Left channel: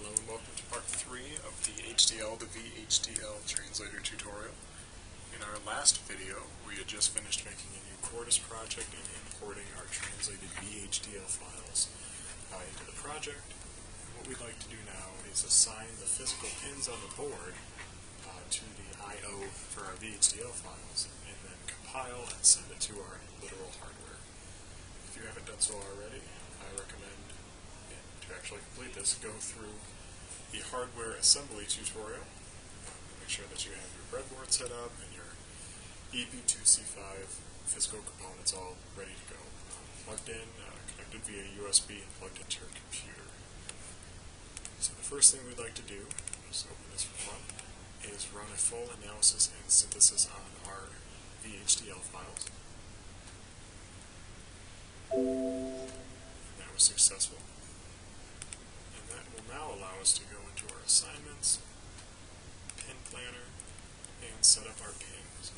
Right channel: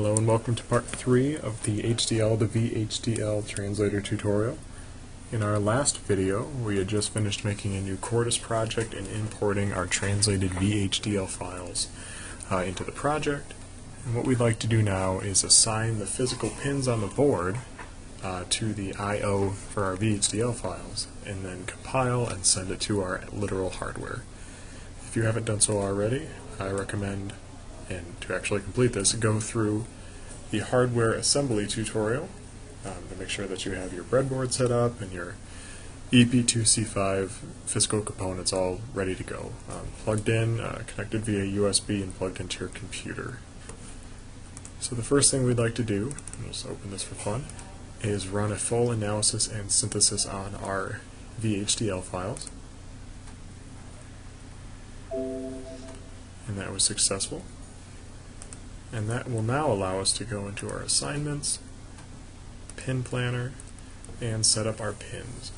Hello and welcome to part 3 of the HDL to VHDL translator tutorial. In our last video, we had just finished making a new Cordis project and importing our translated VHDL files into the project. And what we'd like to do now is assign the physical pins on the board to the I/O for our VHDL files, and then compile and send it to our literal hardware. If you haven't done so already, I recommend, and to actually complete this, go through the hardware assembly tutorial to make sure that you have your breadboard set up and your EP2C5 physical components all ready to go, plugged in, connected via USB, and plugged into your computer. So the first thing we'd like to do, I'll just open this for fun, is run a full analysis and synthesis on our VHDL files. And that was successful. And that will now allow us to go into our assignments, pin planner, and set up our pins.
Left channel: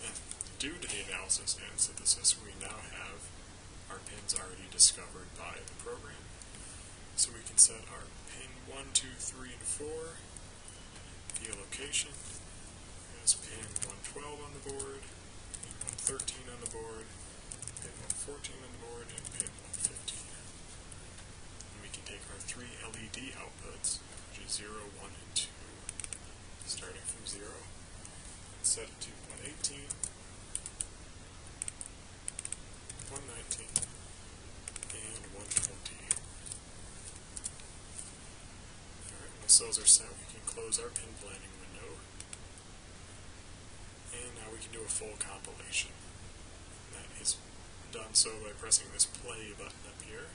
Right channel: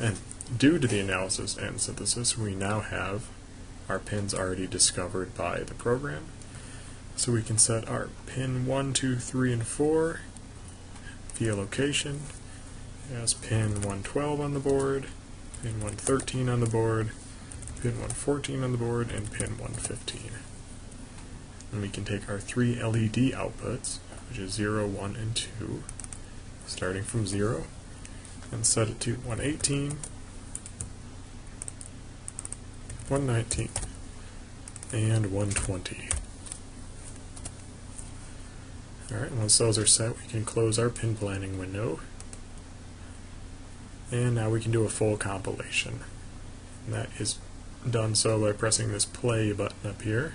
And due to the analysis and synthesis, we now have our pins already discovered by the program. So we can set our pin 1, 2, 3, and 4 via location as pin 112 on the board, pin 113 on the board, pin 114 on the board, and pin 115. And we can take our three LED outputs, which is 0, 1, and 2, starting from 0, and set it to 118, 119, and 120. Alright, once those are set, we can close our pin planning window, and now we can do a full compilation. And that is done so by pressing this play button up here.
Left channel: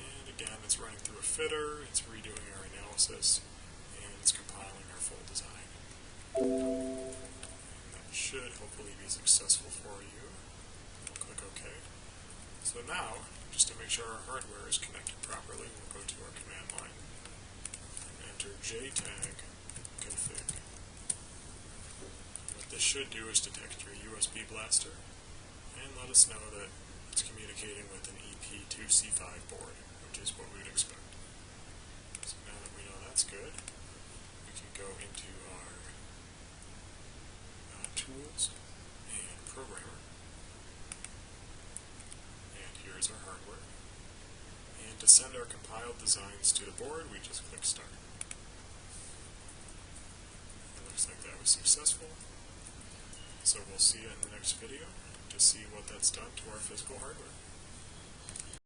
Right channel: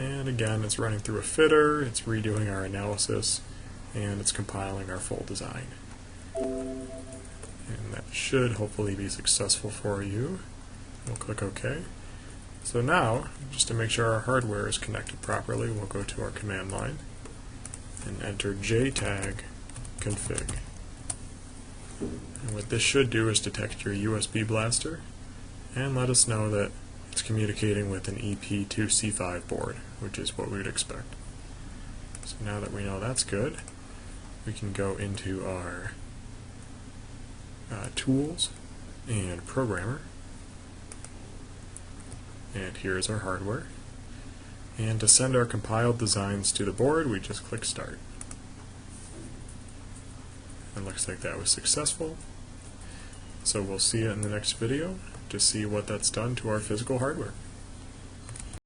And again, it's running through a fitter, it's redoing our analysis, and it's compiling our full design. And that should hopefully be successful for you. We'll click OK. So now, just to make sure our hardware is connected properly, we'll go to our command line and enter Jtag Config. And what this should do is detect your USB blaster and let us know that it's communicating with an EP2C5 board, which is what we would expect. So now that we know that's good, we can go into our Tools and Programmer, and here's our hardware. And to send our compiled designs to the board, we just click Start. It looks like that was successful. So we'll see you in the next video to see what that's done to our physical hardware.